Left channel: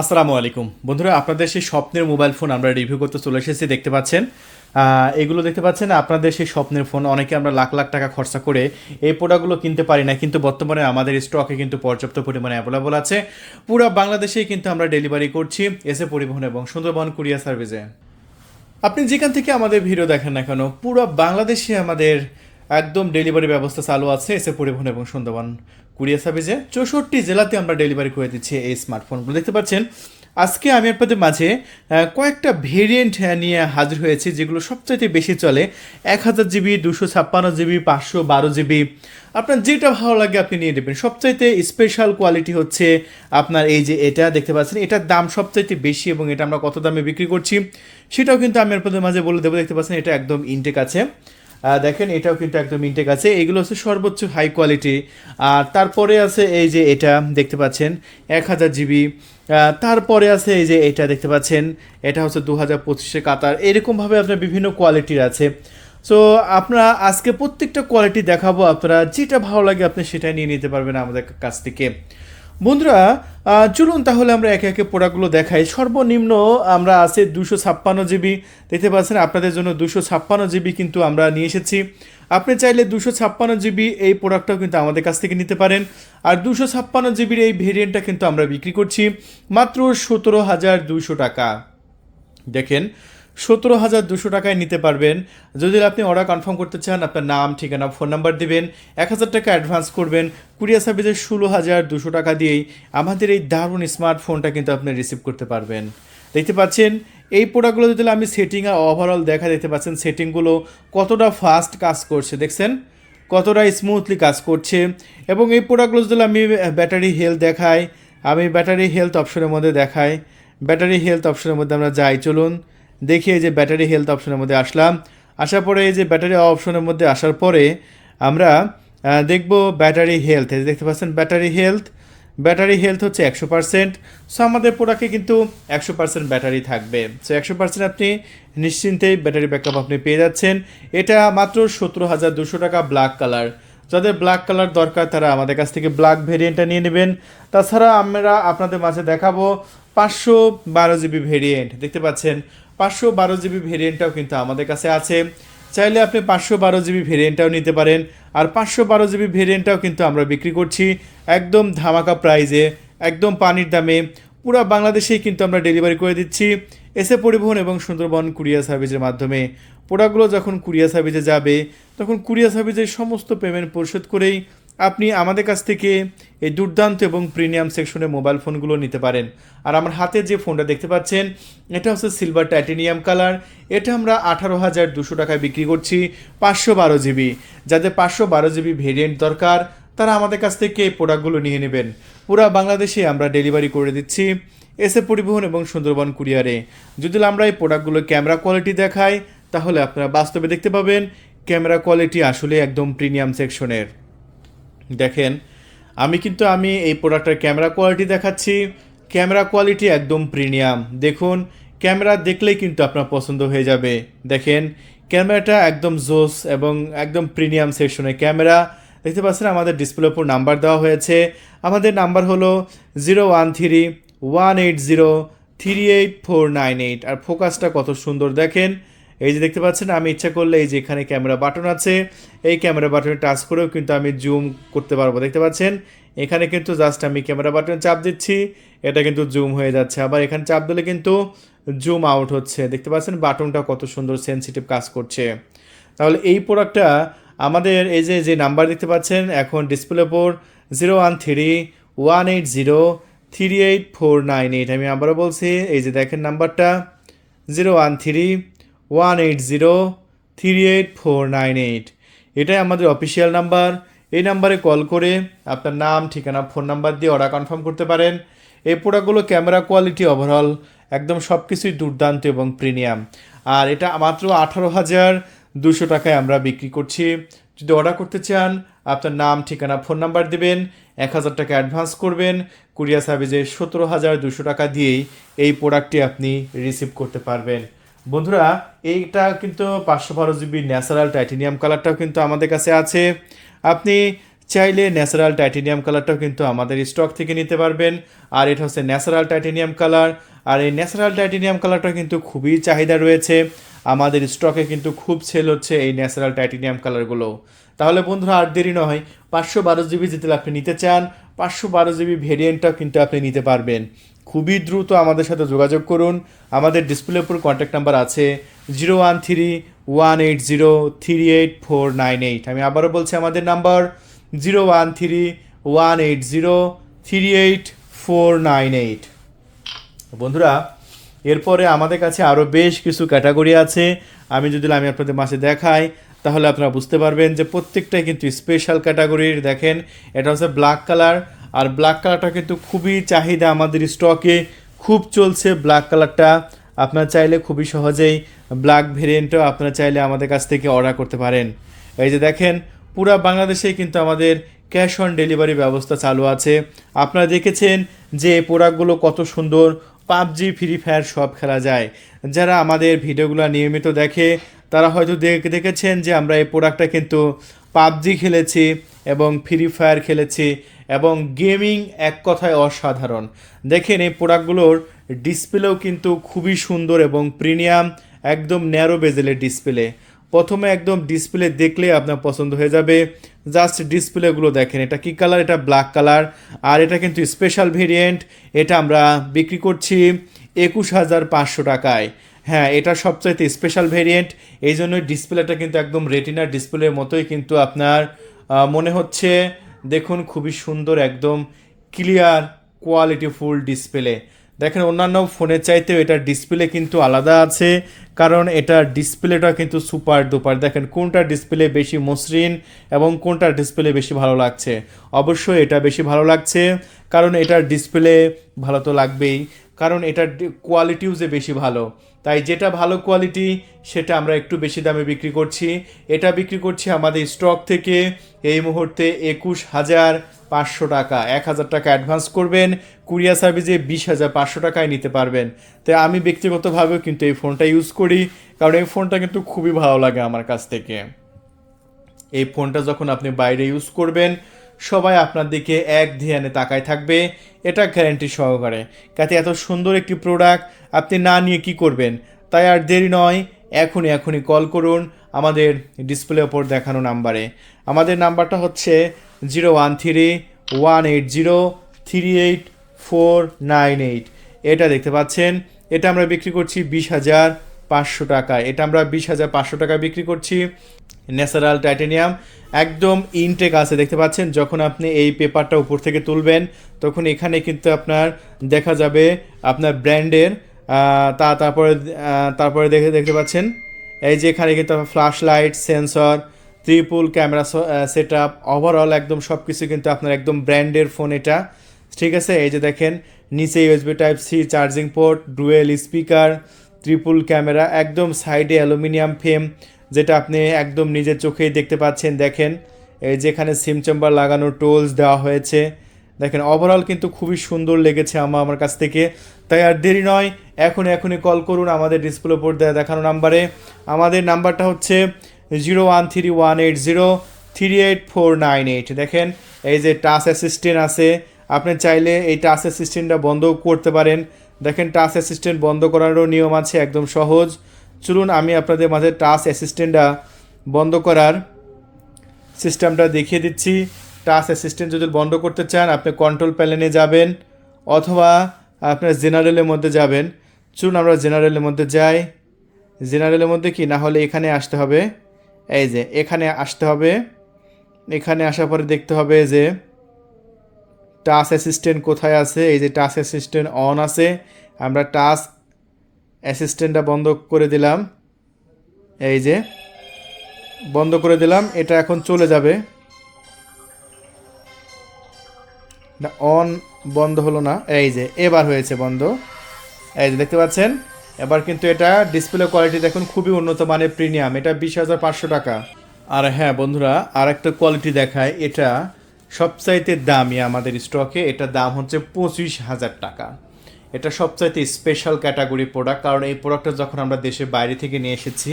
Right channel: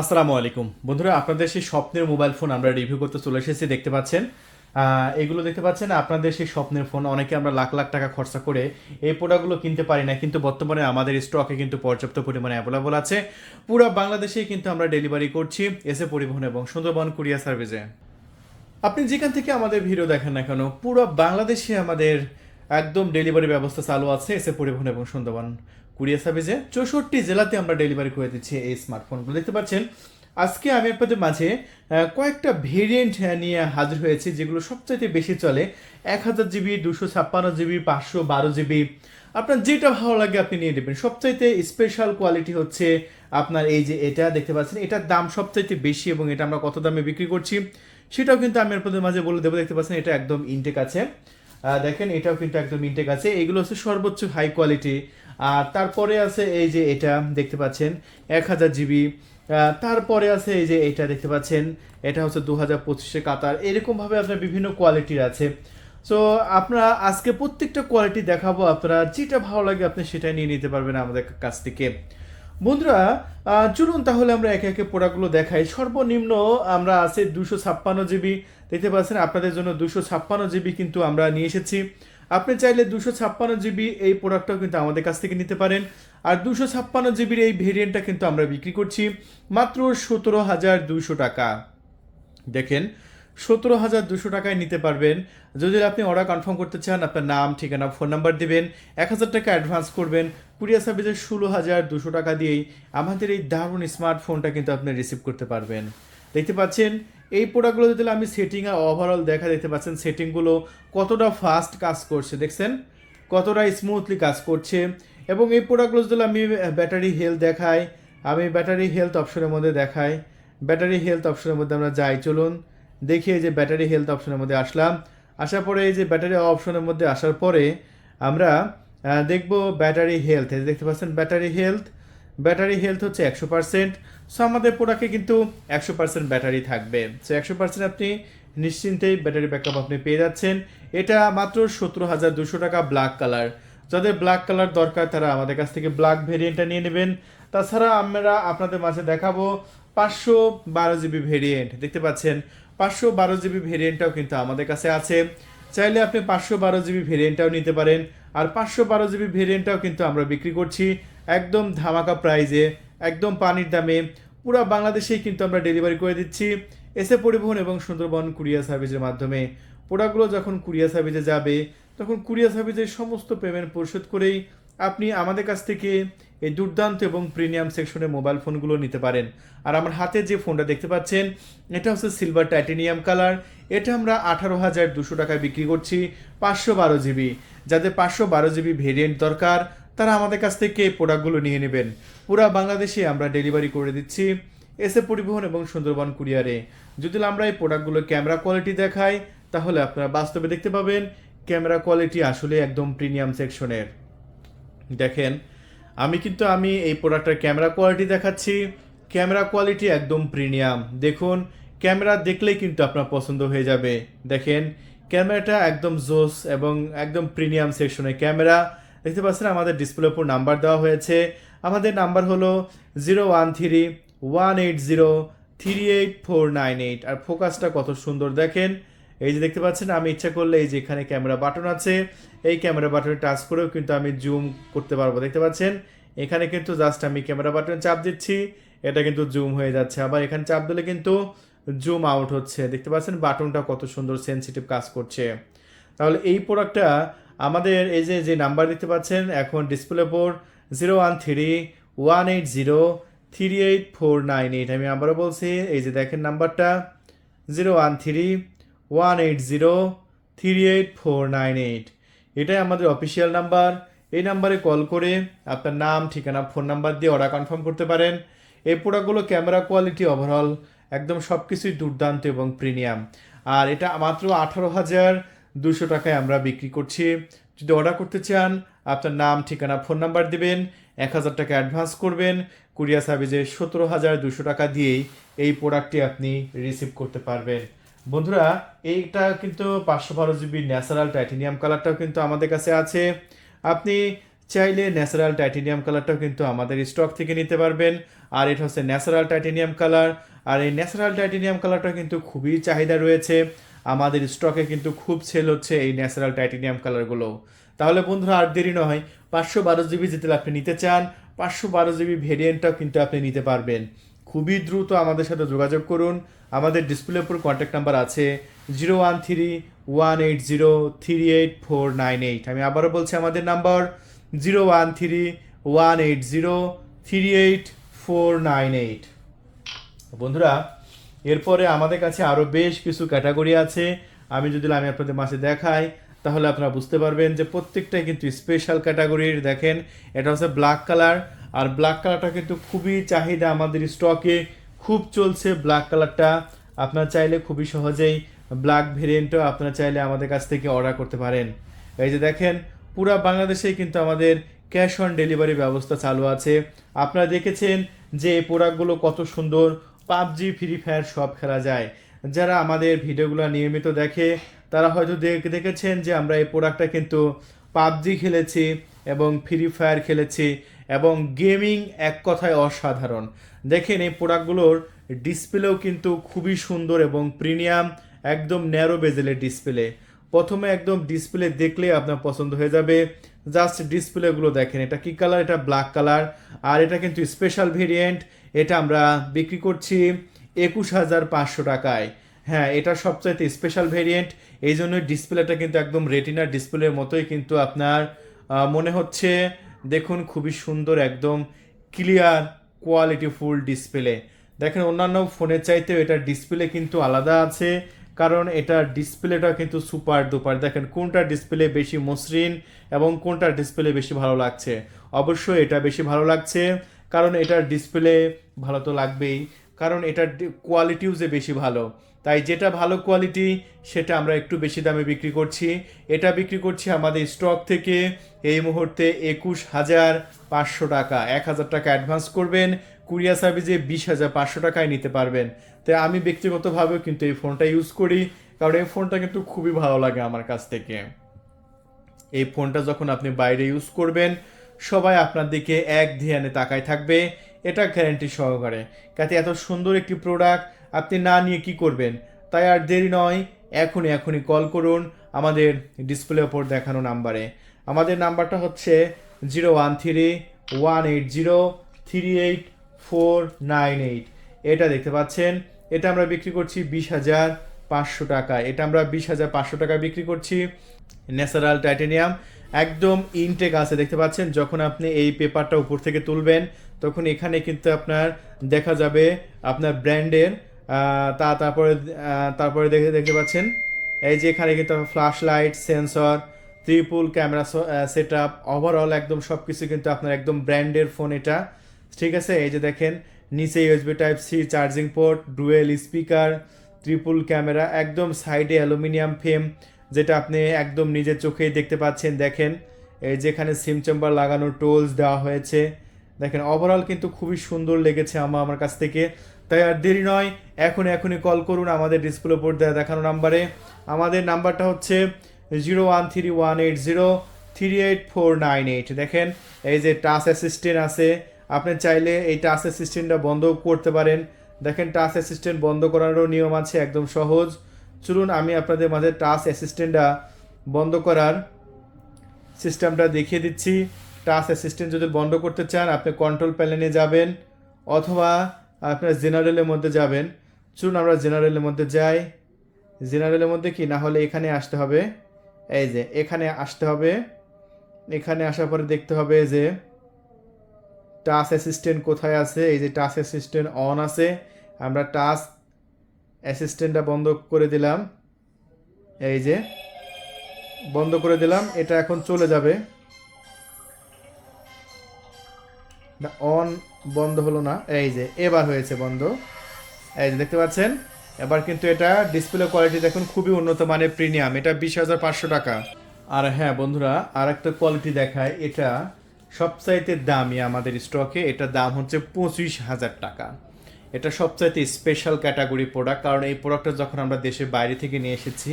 আসসালামু আলাইকুম বন্ধুরা, আপনাদের সেই স্বপ্নের মোবাইল ফোন আমরা রিভিউ করতে চলে এসেছি। দেখতে পাচ্ছেন, এগুলো দেখতে পাচ্ছেন আপনাদের সেই স্বপ্নের ফোন। অনেকে আমরা লাখ লাখ টাকা খরচা করে এই প্রোডাক্টগুলো কিনতে পারি না, কিন্তু বর্তমানে আমাদের স্টকে কিন্তু পর্যাপ্ত পরিমাণে অ্যাভেলেবল আছে। পুরো বাংলাদেশেই কিন্তু আমরা ডেলিভারি করছি এসে পরিবহন এবং সুন্দরবন কুরিয়ার সার্ভিসে। আপনি যেখান থেকে আমাদের ভিডিও দেখেন না কেন, পুরো বাংলাদেশে আমাদের একদম ডেলিভারি ব্যবস্থা চালু আছে এসে পরিবহন এবং সুন্দরবন কুরিয়ার সার্ভিসে। 64 জেলাতে আমরা ডেলিভারি করে দিচ্ছি এই স্মার্টফোনগুলো। দেখতে পাচ্ছেন, আজকে আমি আপনাদের মাঝে কয়েকটা ভেরিয়েন্ট নিয়ে হাজির হয়েছি, যেগুলো সবচাইতে বেশি চলে। 1000 জিবি, 256 জিবি, 512 জিবি। আপনার যেটা ভালো লাগে আপনি নিয়ে নেবেন। সবচাইতে স্পেশাল কোয়ালিটি হচ্ছে আপনার এই যে এটা দেখতে পাচ্ছেন, এটার দাম সবচাইতে বেশি এবং এটা আমরা কত দামে বিক্রি করছি সেটাও কিন্তু আমি আপনাদের মাঝে বলে দেবো। দেখতে পাচ্ছেন এটা একদম ইনটেক আছে। দেখেন এটাও কিন্তু একদম ইনটেক আছে। এগুলো হচ্ছে সর্বোচ্চ হাই কোয়ালিটি। আর তারপরে আছে এই যে এটা দেখতে পাচ্ছেন 1000 জিবি। তারপরে আছে এই যে এটা দেখতে পাচ্ছেন, এটা হচ্ছে 2025 কাতার। এরকমভাবে আপনার বিভিন্ন কোয়ালিটির আছে। সো আপনারা আজকে প্রত্যেকটা কোয়ালিটি দেখাবো, আপনারা যেটা ভালো লাগে আপনি সেটাই নিয়ে নিতে পারবেন আমাদের কাছ থেকে। বন্ধুরা, চলুন তাহলে আমরা একে একে প্রোডাক্টগুলো দেখাই। সর্বনিম্ন আমরা আছে 256 জিবি। দেখতে পাচ্ছেন আপনাদের জন্য 256 জিবি কিন্তু আমরা নিয়ে এসেছি। আপনি চাইলে 256 জিবি এই প্রোডাক্টটাও কিন্তু আমাদের কাছ থেকে নিতে পারেন। আর 256 জিবির এই ভেরিয়েন্টটা কিন্তু আমরা বিক্রি করছি মাত্র 17,200 টাকা। দেখেন, 17,200 টাকায় নিতে পারবেন। যদি আপনি অর্ডার কনফার্ম করতে চান, আপনার নাম, ঠিকানা, ফোন নাম্বার দিবেন, 1,000 টাকা অ্যাডভান্স করবেন। কুরিয়ার সার্ভিসে 16,200 টাকা দিয়েই আমাদের এই দারুণ স্মার্টফোনটা কিন্তু আপনি রিসিভ করতে পারবেন। দেখতে পাচ্ছেন এই প্রোডাক্টগুলো যদি আমি সেটিং আর ওভারঅল দেখা, দেখতে পাচ্ছেন সেটিংগুলো কতটা ফাস্ট কাজ করছে, দেখছেন কতটা স্মুথলি কাজ করছে। এবং এই প্রোডাক্টগুলো যদি আমি ব্যাটারি হেলথ দেখাই, আমি ব্যাটারি হেলথ অপশনের মধ্যে দেখাই। ব্যাটারি হেলথ অপশনের মধ্যে আমরা যাই, চলুন দেখি। এই যে ব্যাটারি হেলথ অপশনের মধ্যে আসলাম। আসার পরে এই যে ব্যাটারি অপশনের মধ্যে আসার পরে আমরা দেখব ব্যাটারি হেলথ। দেখতে পাচ্ছেন ব্যাটারি হেলথ হচ্ছে 100%। সো আমাদের প্রোডাক্টে কিন্তু 100% ব্যাটারি থাকবে। সো 100% আপনি নিশ্চিন্তেই ব্যাটারি ব্যাকআপ আপনি পেয়ে যাচ্ছেন। এটা মাত্র 17,200 টাকা, ব্ল্যাক কালার। যাদের ব্ল্যাক কালার দরকার তারা আমাদের কাছ থেকে ব্ল্যাক ভেরিয়েন্টটা নিয়ে নেবেন। তাছাড়া আমরা আপনাদের মাঝে দেখাবো 512 জিবি ভেরিয়েন্ট। দেখতে পাচ্ছেন 512 জিবি ভেরিয়েন্টটাও কিন্তু আমাদের কাছে আছে। চাইলে আপনি 512 জিবি ভেরিয়েন্টটাও নিতে পারেন। আর 512 জিবি ভেরিয়েন্টটাও কিন্তু আমরা বিক্রি করছি একদম ধামাকা প্রাইজে, একদম পানির দামে। পুরো বাংলাদেশেই কিন্তু আমরা ডেলিভারি করে দিচ্ছি এসে পরিবহন এবং সুন্দরবন কুরিয়ার সার্ভিসের মাধ্যমে। প্রোডাক্টগুলো যখন কুরিয়ার সার্ভিসে যাবে তখন কুরিয়ার সার্ভিসের সমস্ত পেমেন্ট পরিশোধ করেই আপনি আমাদের কাছ থেকে এই দুর্দান্ত এবং প্রিমিয়াম সেকশনের মোবাইল ফোনগুলো নিতে পারেন। আর আমার হাতে যে ফোনটা দেখতে পাচ্ছেন এটা হচ্ছে সিলভার টাইটেনিয়াম কালার। এটা আমরা 18,200 টাকায় বিক্রি করছি 512 জিবি। যাদের 512 জিবি ভেরিয়েন্ট দরকার তারা আমাদের কাছ থেকে এই প্রোডাক্টগুলো নিয়ে নেবেন। পুরো বাংলাদেশে আমরা ডেলিভারি করে দিচ্ছি এসে পরিবহন এবং সুন্দরবন কুরিয়ারে। যদি আমরা এই প্রোডাক্টগুলো ক্যামেরা কোয়ালিটি দেখাই তাহলে আপনারা বাস্তবে দেখতে পাবেন ক্যামেরা কোয়ালিটি আসলে একদম প্রিমিয়াম সেকশনের। দেখেন, আমি এই প্রোডাক্টের ক্যামেরা কোয়ালিটি দেখাচ্ছি। ক্যামেরা কোয়ালিটি একদম প্রিমিয়াম। দেখুন, ক্যামেরা দেখলেই কিন্তু আপনার পছন্দ হয়ে যাবে। দেখেন ক্যামেরাটা একদম জোস এবং একদম প্রিমিয়াম সেকশনের ক্যামেরা। দেখতে পাচ্ছেন আমাদের ডিসপ্লের উপর নাম্বার দেওয়া হয়েছে। আমাদের নাম্বার হলো 013-180-38498। আর ফোকাসটা কত সুন্দর দেখেন। এই যে দেখতে পাচ্ছেন, আমি ইচ্ছা করলে এই যে এখানে ক্যামেরা বাটন আছে, এই ক্যামেরা বাটনে টাচ করেও কিন্তু আমি জুম করতে পারবো। দেখতে পাচ্ছেন এখানে কিন্তু জাস্ট আমি ক্যামেরা বাটনে চাপ দিচ্ছি, এটা কিন্তু জুম হয়ে যাচ্ছে। আবার এখানে চাপ দিলে কিন্তু জুম আউট হচ্ছে। দেখতে পাচ্ছেন বাটনটা কত সুন্দর সেনসিটিভ কাজ করছে। তাহলে এই প্রোডাক্টটা আমাদের এই যে যে নাম্বার দেখতে পাচ্ছেন এখন ডিসপ্লে উপর 013-180-38498। আমি আবারও বলছি, এই যে দেখেন নাম্বারটা 013-180-38498। এটাই আমাদের অফিসিয়াল নাম্বার। এই নাম্বারে কল করে আপনার নাম, ঠিকানা, ফোন নাম্বার দিয়ে অর্ডার কনফার্ম করতে পারেন। এই প্রোডাক্টগুলো ক্যামেরা কোয়ালিটি ওভারঅল একদম সব কিছুই দুর্দান্ত এবং প্রিমিয়াম। আর এটা মাত্র 18,200 টাকায় আমরা বিক্রি করছি। যদি অর্ডার করতে চান আপনার নাম, ঠিকানা, ফোন নাম্বার দেবেন, 1,000 টাকা অ্যাডভান্স করবেন। কুরিয়ার সার্ভিসে 17,200 টাকা দিয়েই এই প্রোডাক্টটি আপনি রিসিভ করতে পারবেন। বন্ধুরা, এইটা কিন্তু 512 জিবি ন্যাচারাল টাইটেনিয়াম কালারটাও কিন্তু আমাদের কাছে আছে। আপনি চাইলে ন্যাচারাল টাইটেনিয়াম কালারটাও কিন্তু আমাদের স্টক থেকে নিতে পারবেন। আর এটা হচ্ছে ন্যাচারাল টাইটেনিয়াম কালার। আর এই ন্যাচারাল টাইটেনিয়াম কালারটা কিন্তু খুবই চাহিদা রয়েছে, আমাদের স্টকে কিন্তু খুব সেল হচ্ছে এই ন্যাচারাল টাইটেনিয়াম কালারগুলো। তাহলে বন্ধুরা আর দেরি নয়, 512 জিবি যদি আপনি নিতে চান, 512 জিবি ভেরিয়েন্টটাও কিন্তু আপনি নিতে পারবেন। খুবই দ্রুত আমাদের সাথে যোগাযোগ করুন। আমাদের ডিসপ্লের উপর কন্ট্যাক্ট নাম্বার আছে 013-180-38498। আমি আবারও বলছি আমাদের নাম্বার 013-180-38498। বন্ধুরা এরপরে আমাদের কাছে আরও বেশ কিছু ক্যাটাগরি আছে। আমি আপনাদের মাঝে দেখাই, তাহলে আপনারা বুঝতে পারবেন যে প্রত্যেকটাই কিন্তু স্পেশাল ক্যাটাগরির। দেখেন এটা হচ্ছে ব্ল্যাক কালার, আর ব্ল্যাক কালারটা কিন্তু খুবই চাহিদা, আমাদের স্টকে খুব চলছে ব্ল্যাক কালারটা। আপনারা চাইলে খুবই সহজেই ব্ল্যাক ভেরিয়েন্টও আপনারা চাইলে আমাদের কাছ থেকে অর্ডার করতে পারেন। এই যে দেখেন, পুরো বাংলাদেশেই কিন্তু আমাদের ক্যাশ অন ডেলিভারি ব্যবস্থা চালু আছে। আপনারা দেখেছেন যে এই প্রোডাক্টগুলো কত সুন্দর, পাবজি ফ্রি ফায়ার সব খেলা যায়। যারা আমাদের ভিডিওগুলো নিয়মিত দেখে তারা হয়তো দেখেছেন যে আমরা এই প্রোডাক্টটা কিন্তু পাবজি খেলেছি এবং ফ্রি ফায়ার খেলেছি, এবং গেমিং এক কথায় অসাধারণ। দেখেন এই প্রোডাক্টগুলোর ডিসপ্লেও কিন্তু খুবই সুন্দর এবং প্রিমিয়াম, একদম ন্যারো বেজেলের ডিসপ্লে। প্রথমে একদম ডিসপ্লে দেখলে আপনার পছন্দ হয়ে যাবে। জাস্ট ডিসপ্লেগুলো দেখেন, এটা কী কালার, এটা ব্ল্যাক কালার। আর এটা কিন্তু স্পেশাল ভেরিয়েন্ট, এটা আমরা বিক্রি করছি 21,500 টাকায়। হ্যাঁ, এটা সবচাইতে স্পেশাল ভেরিয়েন্ট, এই জন্য ডিসপ্লেটা কিন্তু একদম রেটিনার ডিসপ্লের মতোই কিন্তু আপনার মনে হচ্ছে। দেখুন খুবই সুন্দর, একদম ক্লিয়ার কোয়ালিটিফুল ডিসপ্লে। দেখেন অন্যান্য ফোনের চাইতেও এটার ডিসপ্লে কিন্তু আলাদা আছে, কারণ এটার ডিসপ্লেটা কিন্তু সুপার ডুপার। দেখেন কোনটা ডিসপ্লে বেশি মসৃণ এবং কোনটা ডিসপ্লে বেশি ভালো লাগছে। অবশ্যই এটা বেশি ভালো লাগছে, কারণ এটার ডিসপ্লে ভালো তো লাগবেই, কারণ এটার কোয়ালিটিও যে বেশি ভালো। তাই যেটা ভালো কোয়ালিটি সেটা আমরা একটু বেশি দামে বিক্রি করছি। এটা বিক্রি করছি আমাদের স্টক থেকে এই মুহূর্তে 21,500 টাকা। 1,000 টাকা অ্যাডভান্স করবেন, কুরিয়ার সার্ভিসে 20,500 টাকায় নিতে পারবেন। তাই আমি ব্যক্তিগতভাবেও কিন্তু এই ফোনটা ইউজ করি, কারণ এই ফোনটা কিন্তু খুবই ভালো লাগে আমার কাছ থেকে। এই ফোনটা যখন আপনি বাইরে ইউজ করবেন সবাই আপনার দিকে এক ধ্যানে তাকায় থাকবে, এটা গ্যারান্টি সহকারে। কাতে এত সুন্দর একটি প্রোডাক্ট আপনি না নিয়ে কি করবেন? তাই আর দেরি নয়, এখনই কল করুন আমাদের ডিসপ্লে ওপর দেখানো নাম্বারে। আমাদের নাম্বারটা হচ্ছে 013-180-38498। এটা দেখতে পাচ্ছেন, এটা আমরা বিক্রি করছি 20,500 টাকায়। এটা আমরা 20,500 টাকায় বিক্রি করছি। ন্যাচারাল টাইটেনিয়াম, একদম ইনটেক আছে, দেখতে পাচ্ছেন। যখন আপনি এই পেপারটা উপর থেকে তুলবেন তখন এখানে কিন্তু আপনার দেখা যাবে আপনার ব্র্যান্ডের তারপরে দেখতে পাচ্ছেন এই যে এখানে কিন্তু flash light, sensor, triple camera set up, overall একদম সব কিছু কিন্তু আপনার একদম ব্র্যান্ডের ফোন এটা, ঠিক আছে। এই যে দেখেন নিচে USB type C charging port, dual speaker, triple camera, একদম সাইডে অ্যালুমিনিয়াম ফ্রেম, যেটা আপনি একদম নিজের চোখেই দেখতে পাচ্ছেন। দেখেন এই যেখানে সিম চেম্বার লাগানোর টোলস দেওয়া হয়েছে। দেখেন ওভারঅল কিন্তু খুবই সুন্দর লেগেছে আমার কাছ থেকে। তাই আর দেরি নয়, এখনই কল করুন আমাদের ডিসপ্লে উপর দেখানো নাম্বারে। আমাদের নাম্বারটা হচ্ছে 013-180-38498। দেখেন এই যে টাচ অ্যাসিস্ট্যান্ট আছে, আপনি চাইলে এই টাচ অ্যাসিস্ট্যান্টটা বন্ধ করতে পারেন। দেখেন টাচ অ্যাসিস্ট্যান্ট বন্ধ করারও নিয়ম আছে, একদম সহজ। চলুন আমি আপনাদের মাঝে টাচ অ্যাসিস্ট্যান্টটা বন্ধ করার সিস্টেমটা দেখিয়ে দিচ্ছি। টাচ অ্যাসিস্ট্যান্ট যদি বন্ধ করতে চান আপনি কন্ট্রোল প্যানেলে যাবেন, অথবা আপনার জেনারেলের মধ্যে যাবেন। চলুন আমরা জেনারেলের মধ্যে যাই। জেনারেলের মধ্যে কি না হলে এখানে আসতে হবে, এই যে এখানে আসতে হবে। এখানে আসার পরে দেখতে হবে যে টাচ অ্যাসিস্ট্যান্ট কোথায় আছে। এই যে টাচ অ্যাসিস্ট্যান্ট অন আছে, আমরা টাচ অ্যাসিস্ট্যান্টটা বন্ধ করে দিলাম। এই যে বন্ধ করে দিলাম, এটা এখন চলে যাবে না, অন বন্ধ হলো না। এই যে এবার হয়েছে বন্ধ, এই যে দেখতে পাচ্ছেন। এবার কিন্তু এটা ডিসপ্লে কোয়ালিটি দেখুন খুবই উন্নত মানের প্রিমিয়াম, এটা 20,500 টাকা। আর হ্যাঁ বন্ধুরা, আর একটা কোয়ালিটি দেখায়, এটা সবচাইতে দামি আমাদের স্টকে, এটার দাম হচ্ছে 25,000 টাকা। এটা সবচাইতে স্পেশাল ক্যাটাগরি প্রোডাক্ট, কারণ এই প্রোডাক্টটা যখন আমরা দেশের বাইরে থেকে নিয়ে এসেছি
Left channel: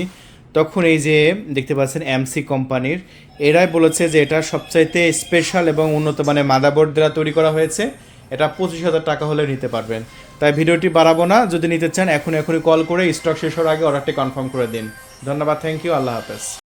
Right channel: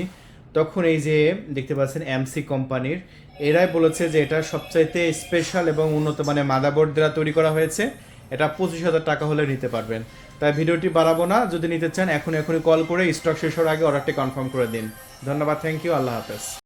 তখন এই যে দেখতে পাচ্ছেন এমসি কোম্পানির এরাই বলেছে যে এটা সবচাইতে স্পেশাল এবং উন্নত মানের মাদারবোর্ড দ্বারা তৈরি করা হয়েছে। এটা 25,000 টাকা হলে নিতে পারবেন। তাই ভিডিওটি বাড়াবো না, যদি নিতে চান এখনই কল করে স্টক শেষ হওয়ার আগে অর্ডারটি কনফার্ম করে দিন। ধন্যবাদ, থ্যাংক ইউ, আল্লাহ হাফেজ।